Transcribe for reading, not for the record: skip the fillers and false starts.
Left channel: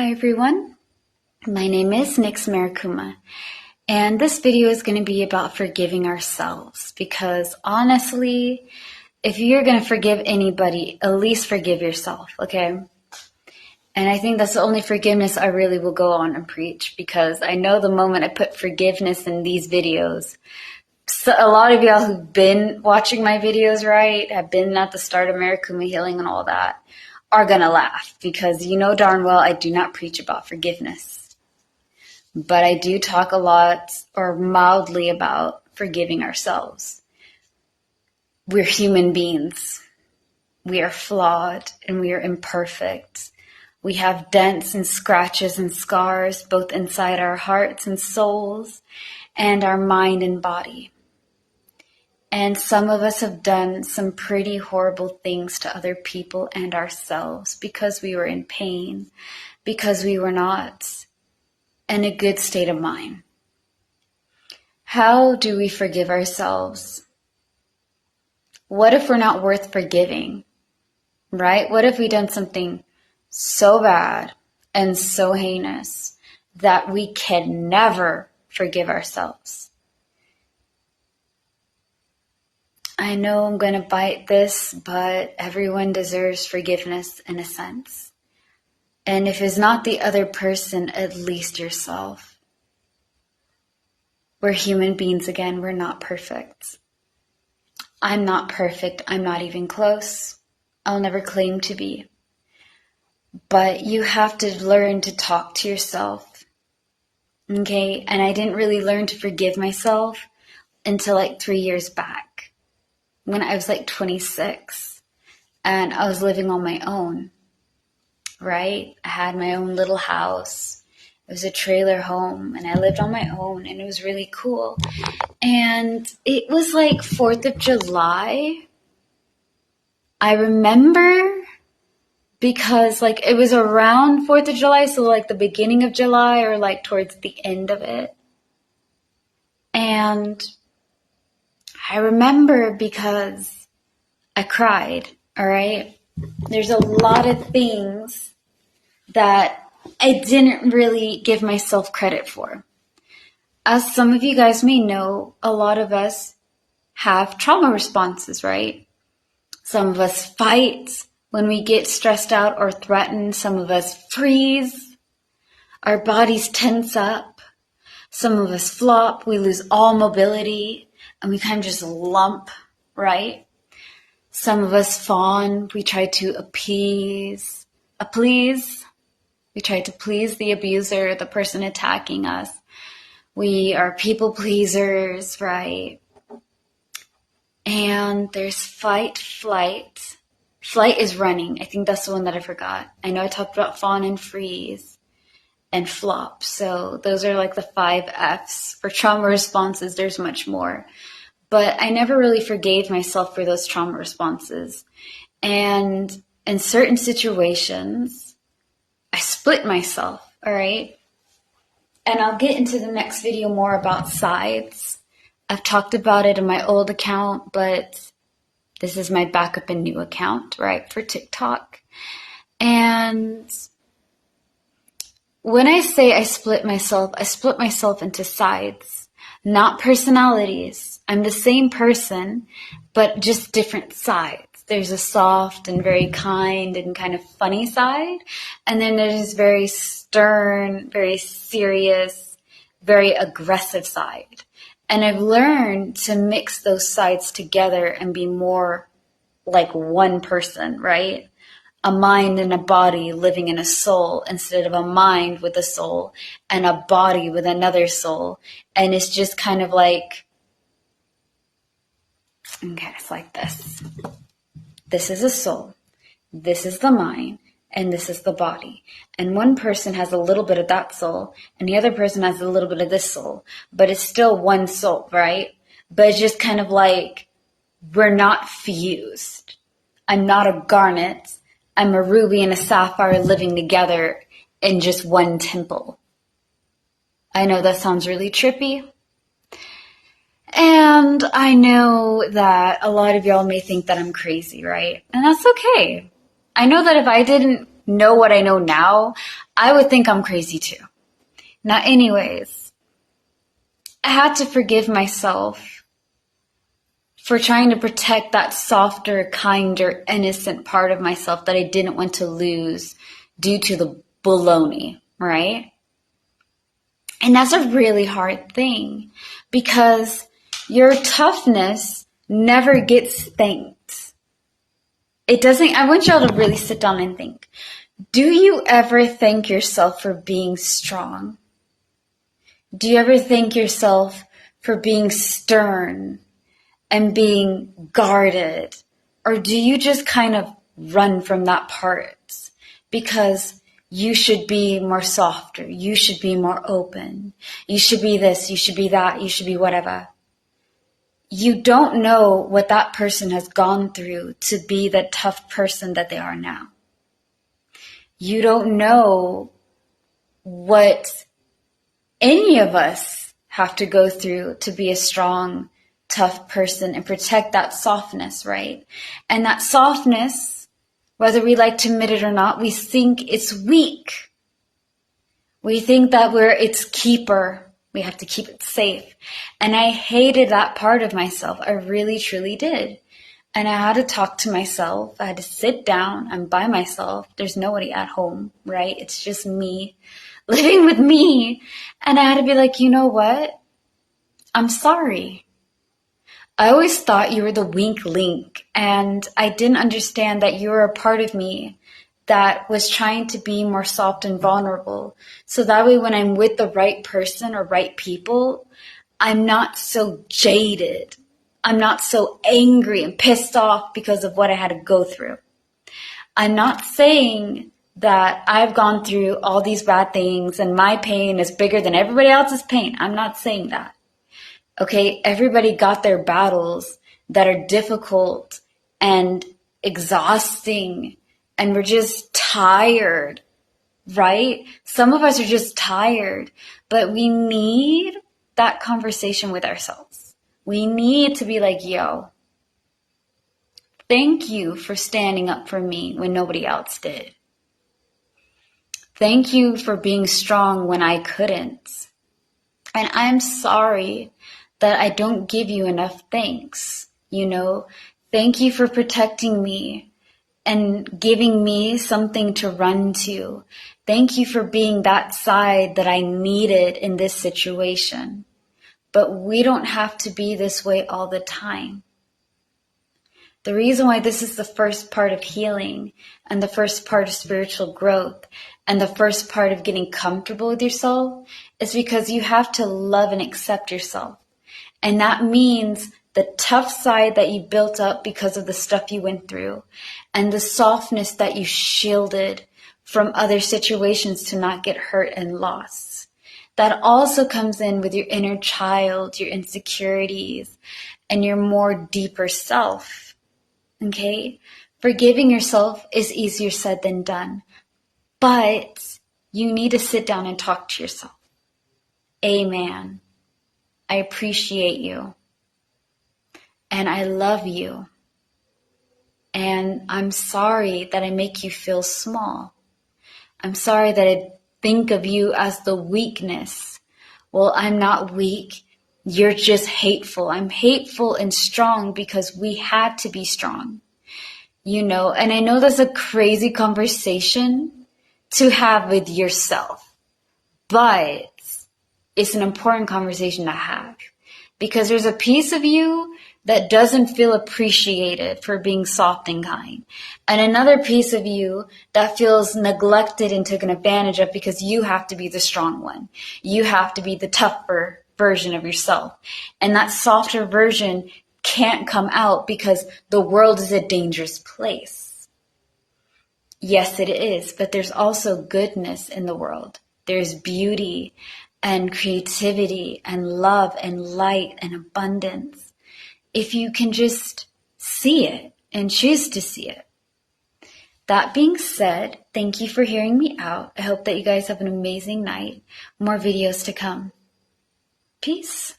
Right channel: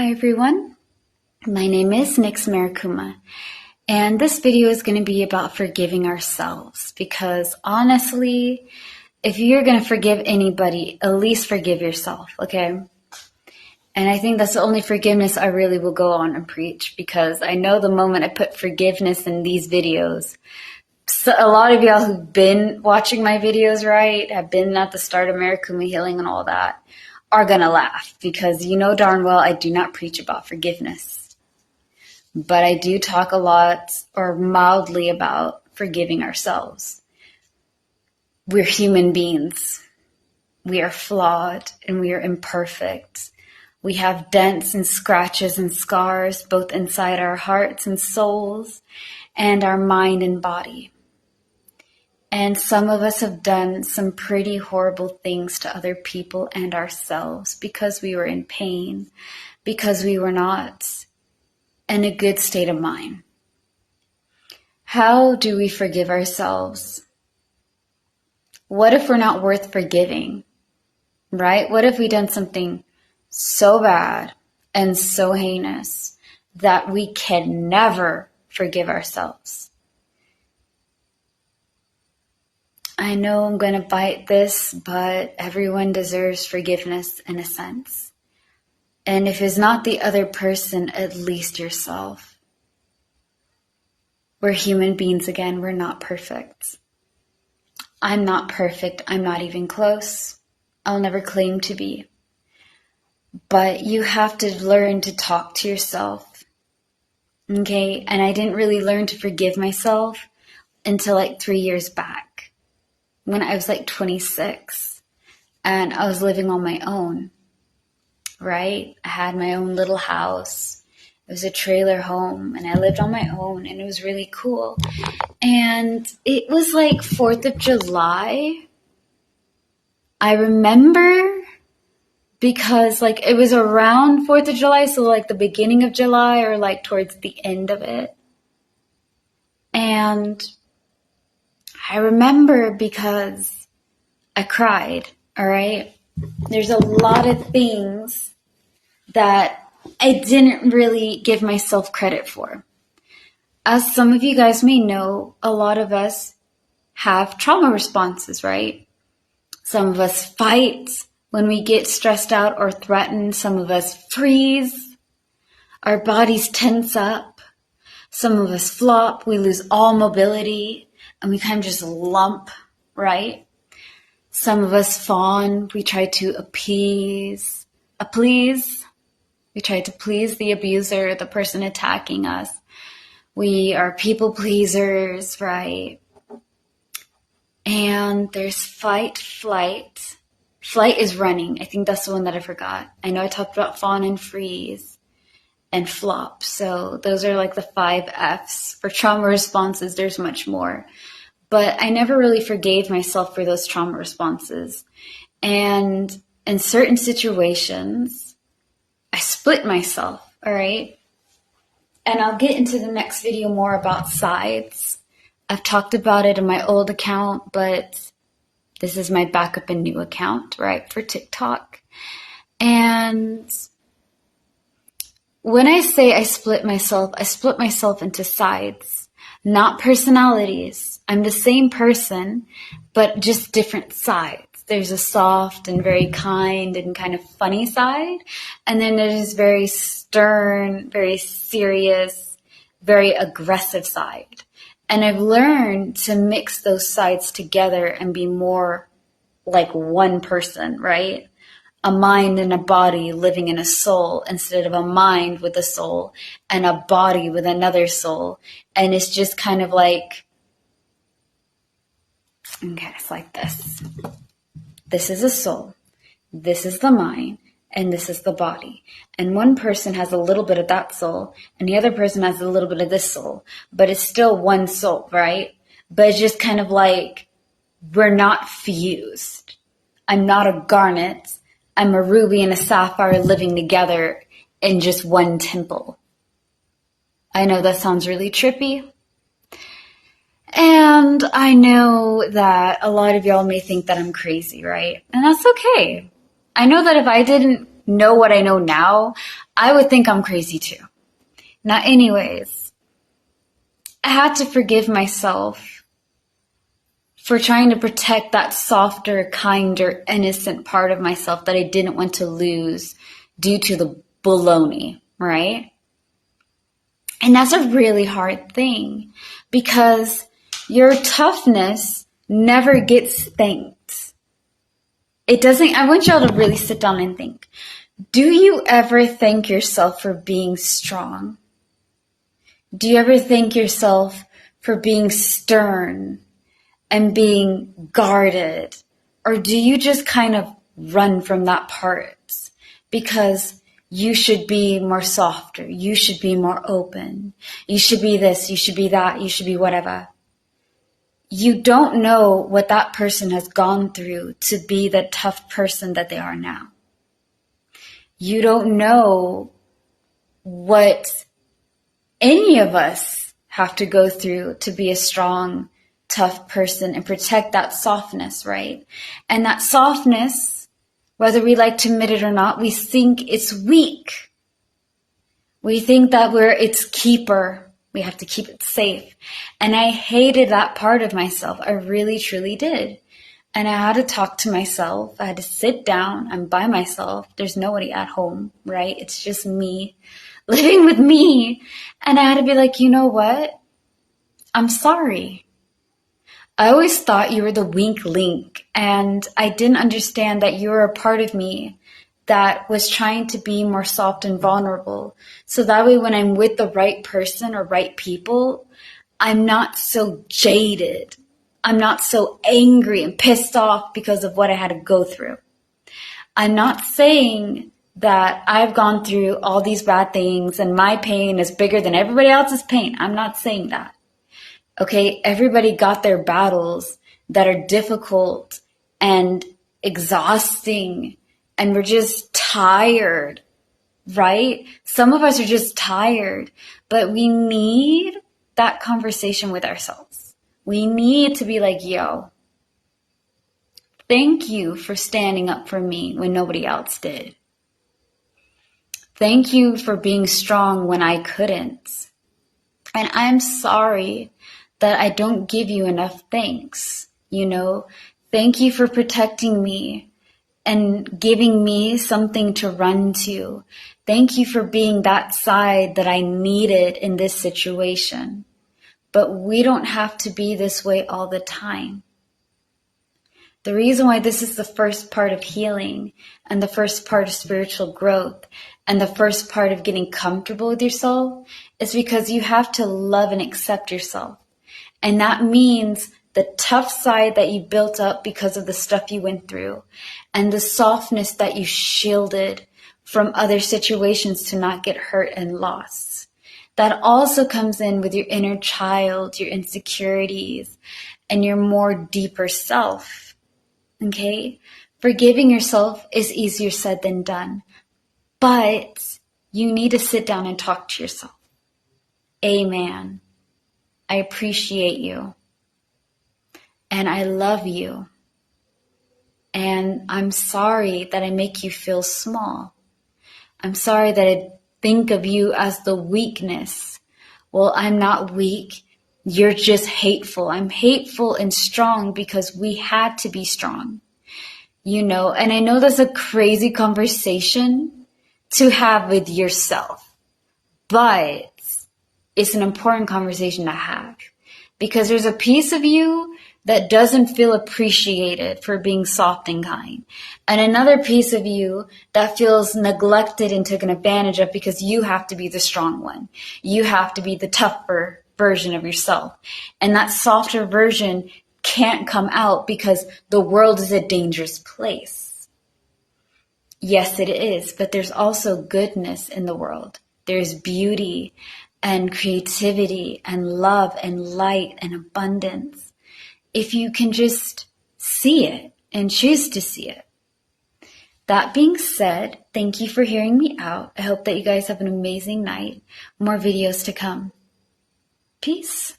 Hi everyone, my name is Nix Marikuma, and this video is going to be about forgiving ourselves because honestly, if you're going to forgive anybody, at least forgive yourself, okay? And I think that's the only forgiveness I really will go on and preach because I know the moment I put forgiveness in these videos, so a lot of y'all who've been watching my videos, right, have been at the start of Marikuma Healing and all that, are going to laugh because you know darn well I do not preach about forgiveness. But I do talk a lot or mildly about forgiving ourselves. We're human beings. We are flawed and we are imperfect. We have dents and scratches and scars both inside our hearts and souls and our mind and body. And some of us have done some pretty horrible things to other people and ourselves because we were in pain, because we were not in a good state of mind. How do we forgive ourselves? What if we're not worth forgiving, right? What if we done something so bad and so heinous that we can never forgive ourselves? I know I'm going to bite this, but everyone deserves forgiveness in a sense. And if it's not the other person, at least yourself. We're human beings again. We're not perfect. I'm not perfect. I'm not even close. I'll never claim to be. But you have to learn to talk to yourself. Okay? And I didn't really learn to forgive myself until like 3 years back. When I was like 26 and I was living on my own, right? I had my own little house. It was a trailer home and I lived on my own and it was really cool. And it was like 4th of July. I remember because like it was around 4th of July, so like the beginning of July or like towards the end of it. And I remember because I cried, all right? There's a lot of things that I didn't really give myself credit for. As some of you guys may know, a lot of us have trauma responses, right? Some of us fight when we get stressed out or threatened. Some of us freeze. Our bodies tense up. Some of us flop. We lose all mobility. And we kind of just lump, right? Some of us fawn. We try to appease. We try to please the abuser, the person attacking us. We are people pleasers, right? And there's fight, flight. Flight is running. I think that's the one that I forgot. I know I talked about fawn and freeze and flop. So those are like the 5 F's. For trauma responses, there's much more. But I never really forgave myself for those trauma responses. And in certain situations, I split myself, all right? And I'll get into the next video more about sides. I've talked about it in my old account, but this is my backup and new account, right, for TikTok. And when I say I split myself into sides, not personalities. I'm the same person, but just different sides. There's a soft and very kind and kind of funny side. And then there's this very stern, very serious, very aggressive side. And I've learned to mix those sides together and be more like one person, right? A mind and a body living in a soul instead of a mind with a soul and a body with another soul. And it's just kind of like, okay, it's like this. This is a soul. This is the mind. And this is the body. And one person has a little bit of that soul and the other person has a little bit of this soul. But it's still one soul, right? But it's just kind of like we're not fused. I'm not a garnet. I'm a ruby and a sapphire living together in just one temple. I know that sounds really trippy. And I know that a lot of y'all may think that I'm crazy, right? And that's okay. I know that if I didn't know what I know now, I would think I'm crazy too. Now, anyways, I had to forgive myself for trying to protect that softer, kinder, innocent part of myself that I didn't want to lose due to the baloney, right? And that's a really hard thing because your toughness never gets thanked. It doesn't. I want y'all to really sit down and think. Do you ever thank yourself for being strong? Do you ever thank yourself for being stern and being guarded? Or do you just kind of run from that part because you should be more softer, you should be more open, you should be this, you should be that, you should be whatever? You don't know what that person has gone through to be the tough person that they are now. You don't know what any of us have to go through to be a strong, tough person and protect that softness, right? And that softness, whether we like to admit it or not, we think it's weak. We think that we're its keeper. We have to keep it safe. And I hated that part of myself. I really, truly did. And I had to talk to myself. I had to sit down. I'm by myself. There's nobody at home, right? It's just me living with me. And I had to be like, you know what? I'm sorry. I always thought you were the weak link. And I didn't understand that you were a part of me that was trying to be more soft and vulnerable. So that way when I'm with the right person or right people, I'm not so jaded. I'm not so angry and pissed off because of what I had to go through. I'm not saying that I've gone through all these bad things and my pain is bigger than everybody else's pain. I'm not saying that. Okay, everybody got their battles that are difficult and exhausting, and we're just tired, right? Some of us are just tired, but we need that conversation with ourselves. We need to be like, yo, thank you for standing up for me when nobody else did. Thank you for being strong when I couldn't. And I'm sorry that I don't give you enough thanks, you know? Thank you for protecting me and giving me something to run to. Thank you for being that side that I needed in this situation. But we don't have to be this way all the time. The reason why this is the first part of healing and the first part of spiritual growth and the first part of getting comfortable with yourself is because you have to love and accept yourself. And that means the tough side that you built up because of the stuff you went through and the softness that you shielded from other situations to not get hurt and lost. That also comes in with your inner child, your insecurities, and your more deeper self. Okay? Forgiving yourself is easier said than done, but you need to sit down and talk to yourself. Amen. I appreciate you. And I love you. And I'm sorry that I make you feel small. I'm sorry that I think of you as the weakness. Well, I'm not weak. You're just hateful. I'm hateful and strong because we had to be strong. You know, and I know that's a crazy conversation to have with yourself, but it's an important conversation to have because there's a piece of you that doesn't feel appreciated for being soft and kind, and another piece of you that feels neglected and taken advantage of because you have to be the strong one. You have to be the tougher version of yourself, and that softer version can't come out because the world is a dangerous place. Yes, it is, but there's also goodness in the world. There's beauty and creativity and love and light and abundance. If you can just see it and choose to see it. That being said, thank you for hearing me out. I hope that you guys have an amazing night. More videos to come. Peace.